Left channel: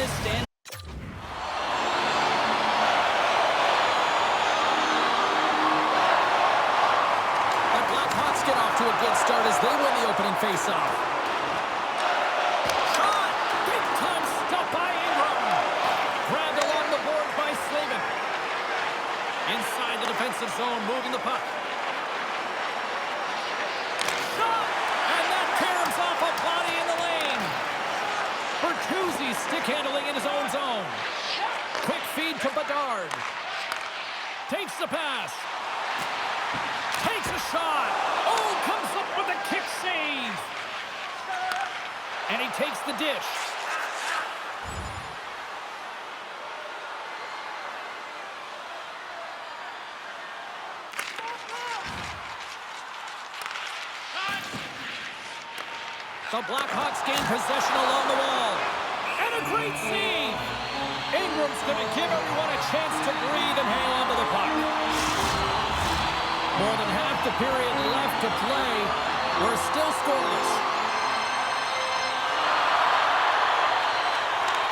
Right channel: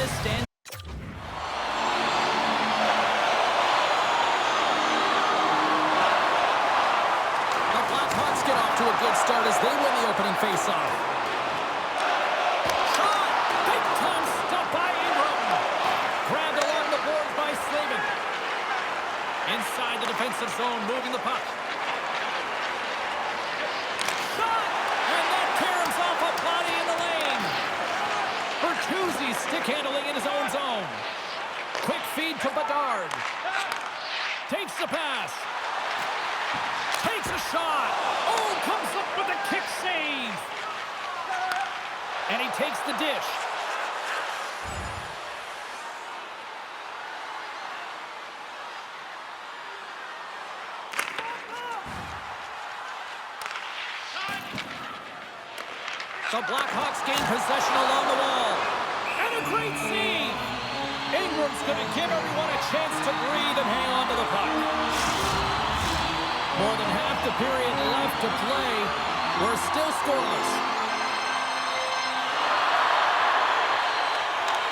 this stand. The Blackhawks get off to a good start as they win the opening faceoff. Shot! Big time stop by Ingram. Grabbed along the boards by Slavin. Inside the defensive zone, moving the puck. Shot! And that caroms off a body in the lane. Bertuzzi stick handling in his own zone. Quick feed to Bedard. Takes the pass. Takes a shot. Oh, comes up with a kick save. And he takes the dish. The Blackhawks gain possession along the wall. And a great save. Ingram's going to give everyone a chance to breathe and hang on to the puck. More than half the period left to play. We're still scoreless.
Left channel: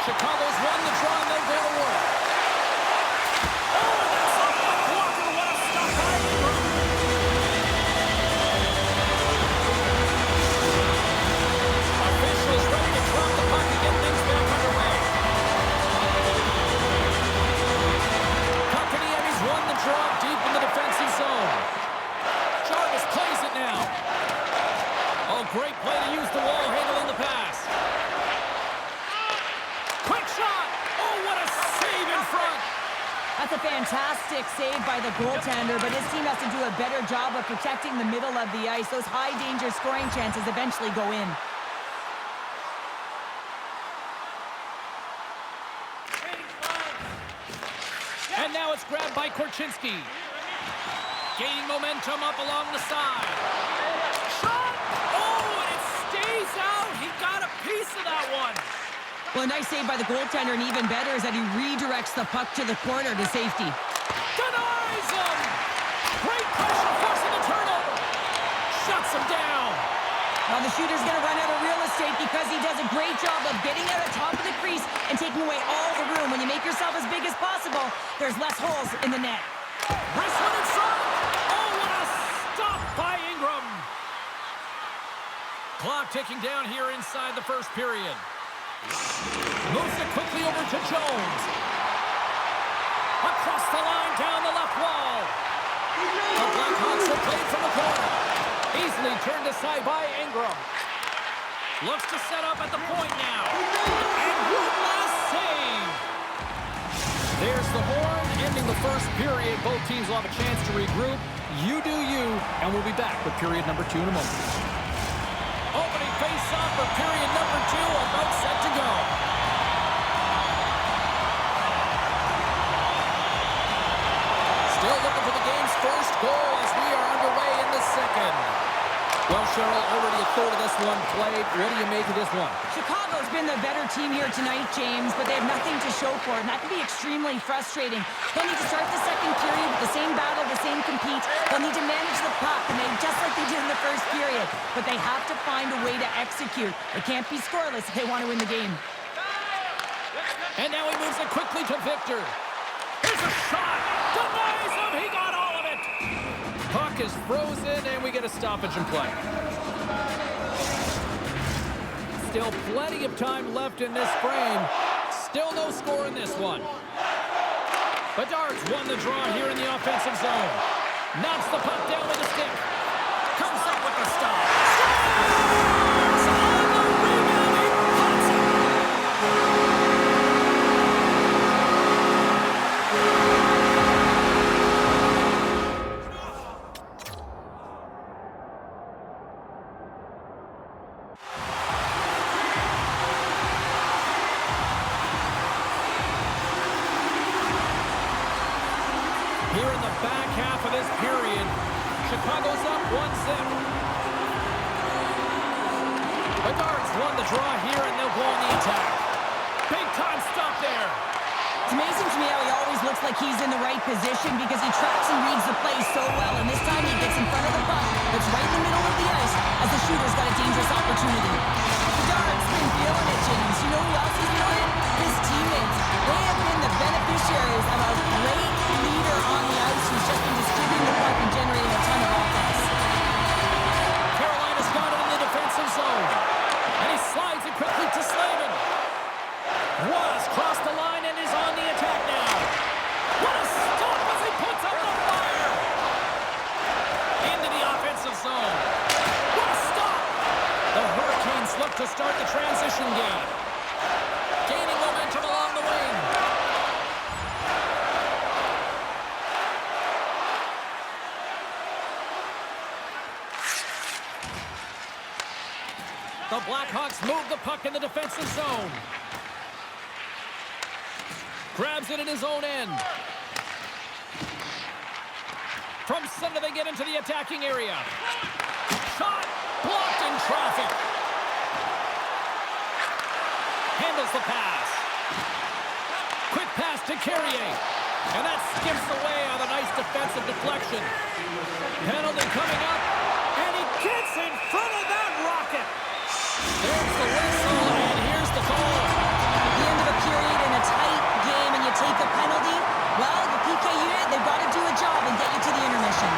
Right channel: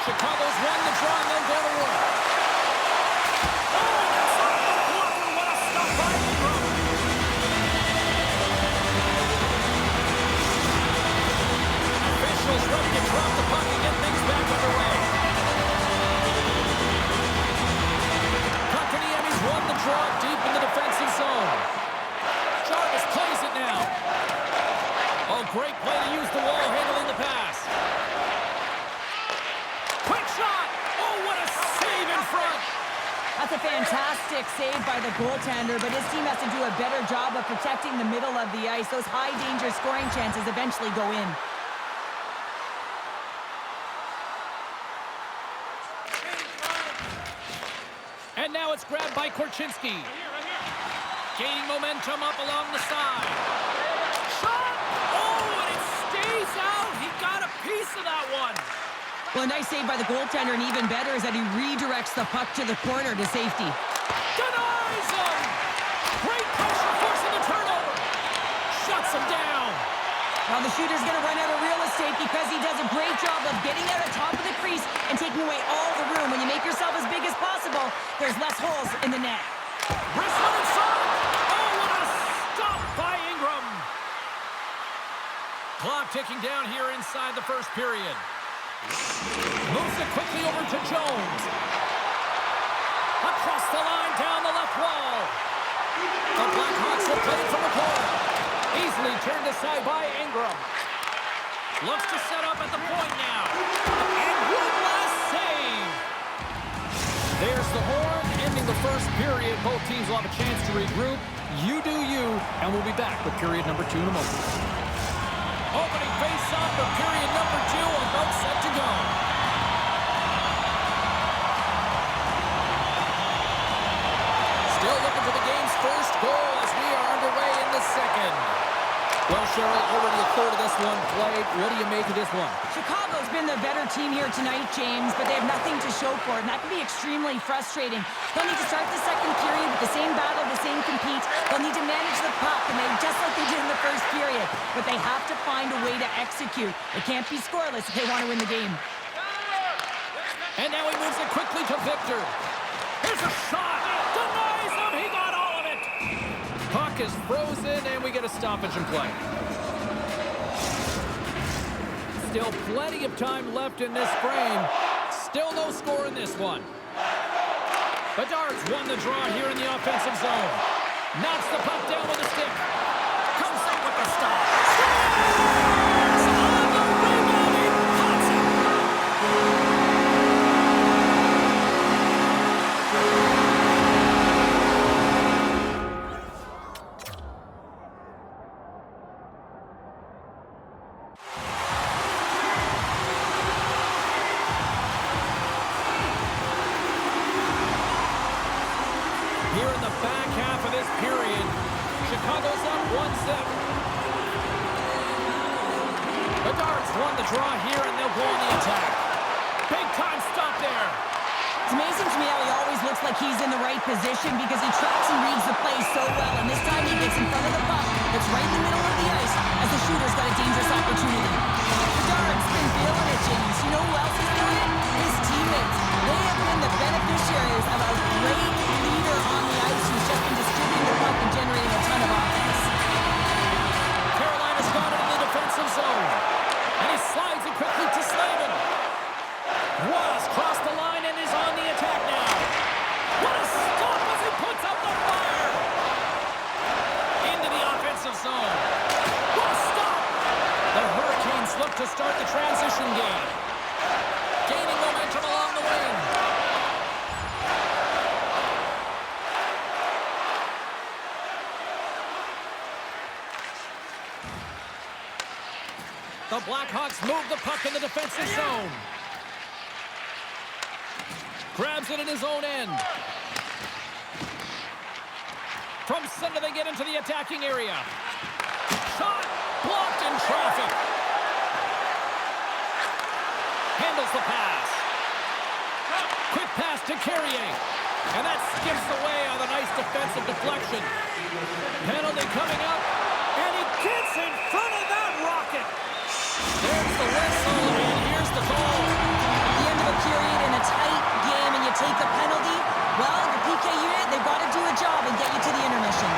Chicago's won the draw and they'll go to work. Oh, that's off the blocker. What a stop by Ingram. Officials ready to drop the puck and get things back underway. Kotkaniemi's won the draw deep in the defensive zone. Jarvis plays it now. Oh, great play to use the wall handling the pass. Quick shot. Oh, what a save in front. That's a fantastic save by the goaltender, but his team has to do a better job of protecting the middle of the ice. Those high-danger scoring chances eventually go in. And now it's grabbed by Korchinski. Gaining momentum up along the side. Shot! Oh, and it stays out. He got a piece of that one. Well, a nice save by the goaltender, and even better is that he redirects the puck to the corner to safety. Denies him! Great pressure forcing the turnover. Shuts him down. Now the shooter's going to run out of real estate because he does a great job of getting out on top of the crease and taking away all the room. When you make yourself as big as possible, there's less holes in the net. Wrist one in front. Oh, what a stop by Ingram. Clock ticking down here inside the first period. Moves it quickly over to Jones. Across the line, down the left wall. The Blackhawks will play it from the corner. Easily turned aside by Ingram. Looks to set up at the point now. And one last save. There's the horn, ending the first period. Both teams will have a chance to regroup. You do you, and we'll be back with period number 2 in a moment. Opening face-off for period number 2, about set to go. Still looking for the game's first goal as we are underway in the second. Well, Cheryl, already a third of this one played. What do you make of this one? Chicago's been the better team here tonight, James, but they have nothing to show for it, and that can be extremely frustrating. They'll need to start the second period with the same battle, the same compete. They'll need to manage the puck, and just like they did in the first period. But they have to find a way to execute. They can't be scoreless if they want to win the game. And now he moves it quickly to Victor. Here's a shot. Denies him. He got all of it. Puck is frozen, and we get a stoppage in play. Still plenty of time left in this frame. Still no score in this one. Bedard's won the draw here in the offensive zone. Knocks the puck down with a stick. Comes up with the stop. Scores! On the rebound, he pots it. Here in the back half of this period, Chicago's up 1-0. Bedard's won the draw here, and they'll go on the attack. Big time stop there. It's amazing to me how he always looks like he's in the right position because he tracks and reads the play so well, and this time he gets in front of the puck that's right in the middle of the ice as the shooter's got a dangerous opportunity. Bedard's been feeling it, James. You know who else is feeling it? His zone. And he slides it quickly to Slavin. Was crossed the line and is on the attack now. What a stop as he puts up the fire. Into the offensive zone. What a stop. The Hurricanes look to start the transition game. Gaining momentum along the wing. The Blackhawks move the puck in the defensive zone. Grabs it in his own end. From center, they get into the attacking area. Shot blocked in traffic. Handles the pass. Quick pass to Carrier. And that skips away on a nice defensive deflection. Penalty coming up. And he gets in front of that rocket. There's the whistle, and here's the goal. At the end of a period in a tight game and you take a penalty, well, the PK unit, they've got to do a job and get you to the intermission.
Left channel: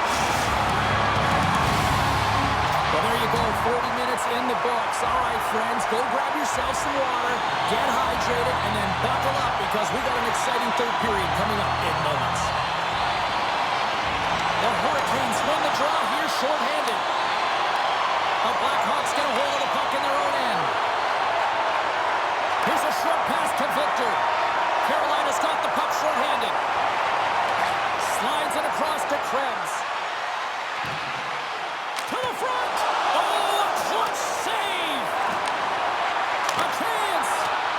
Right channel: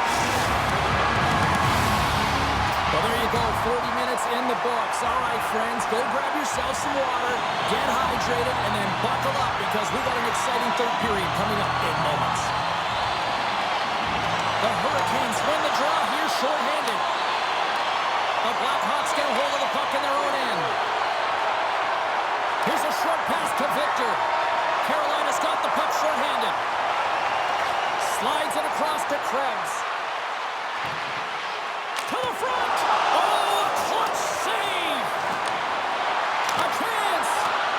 Well, there you go, 40 minutes in the books. All right, friends, go grab yourself some water, get hydrated, and then buckle up because we got an exciting third period coming up in moments. The Hurricanes win the draw here shorthanded. The Blackhawks get a hold of the puck in their own end. Here's a short pass to Victor. Carolina's got the puck shorthanded. Slides it across to Krebs. To the front! Oh, a clutch save! A chance!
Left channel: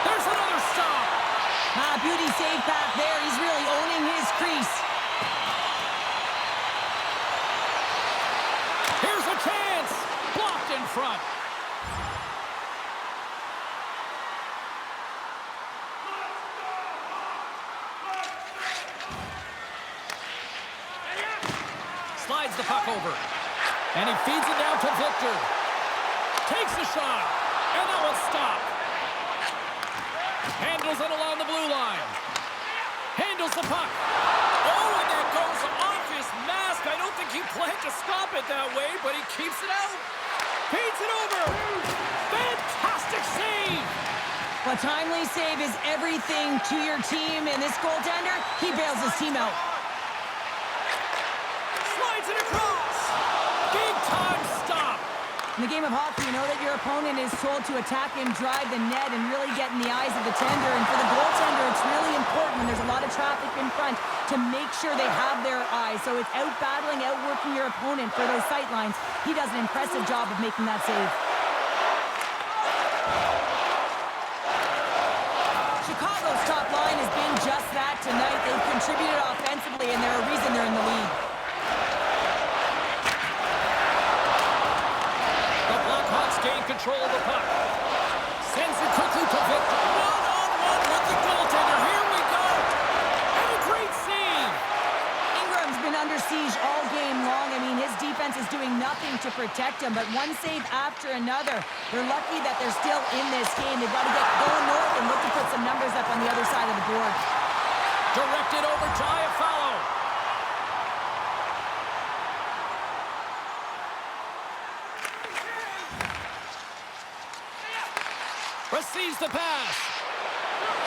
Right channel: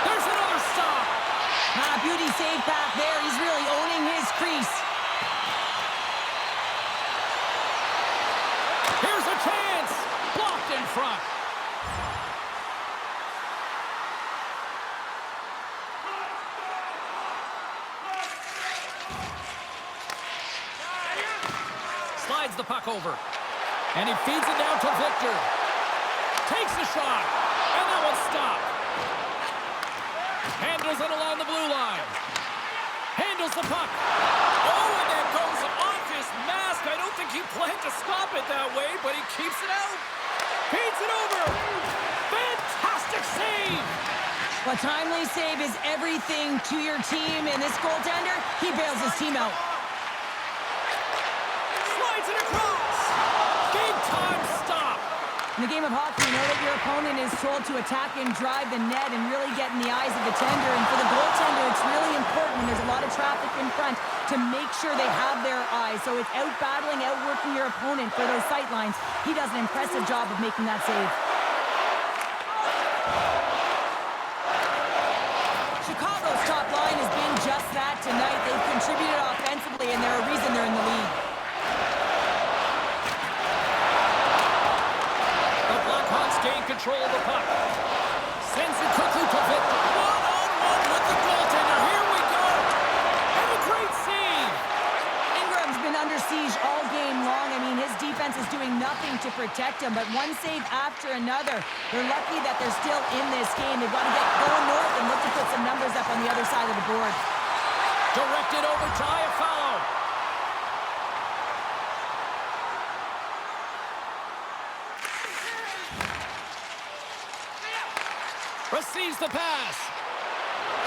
There's another stop! Beauty save path there. He's really owning his crease. Here's a chance! Blocked in front. Slides the puck over. And he feeds it down to Victor. Takes a shot. And that one's stopped. Handles it along the blue line. Handles the puck. Oh, and that goes off his mask. I don't think he planned to stop it that way, but he keeps it out. Feeds it over. Fantastic save. A timely save is everything to your team, and this goaltender, he bails his team out. Slides it across. Big time stop. In the game of hockey, you know that your opponent is told to attack and drive the net and really get in the eyes of the tender. And for the goaltender, it's really important when there's a lot of traffic in front to make sure they have their eyes. So it's out-battling, outworking your opponent for those sight lines. He does an impressive job of making that save. Chicago's top line has been just that tonight. They've contributed offensively, and they're a reason they're in the lead. Gain control of the puck. Sends it quickly to Victor. One-on-one with the goaltender. Here we go. And a great save. Ingram's been under siege all game long. I mean, his defense is doing nothing to protect him, but one save after another. They're lucky that they're still in this game. They've got to get going north and look to put some numbers up on the other side of the board. Directed over to Iafallo. Receives the pass.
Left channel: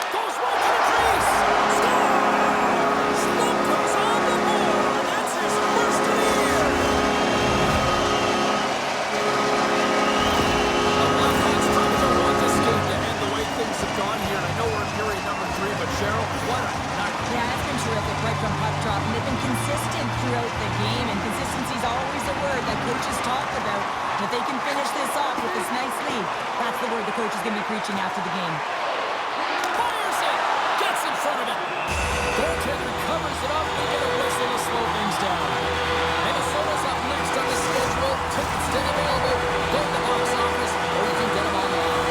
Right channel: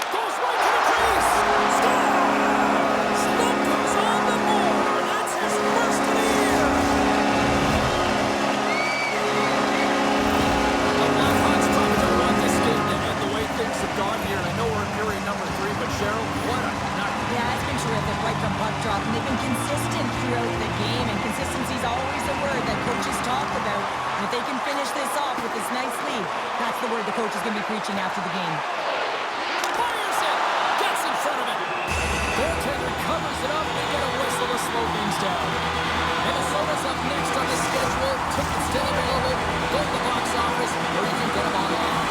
Goes right to the crease. Scores! Slumka's on the board. That's his first of the year. The Blackhawks probably don't want this game to end the way things have gone here. And I know we're in period number 3, but Cheryl, what a night. Yeah, it's been terrific right from puck drop. And they've been consistent throughout the game. And consistency is always a word that coaches talk about. And if they can finish this off with this nice lead, that's the word the coach is going to be preaching after the game. Fires it! Gets in front of it! Goaltender covers it up. They get a whistle to slow things down. Minnesota's up next on the schedule. Tickets still available. Go to the box office, or you can get them online.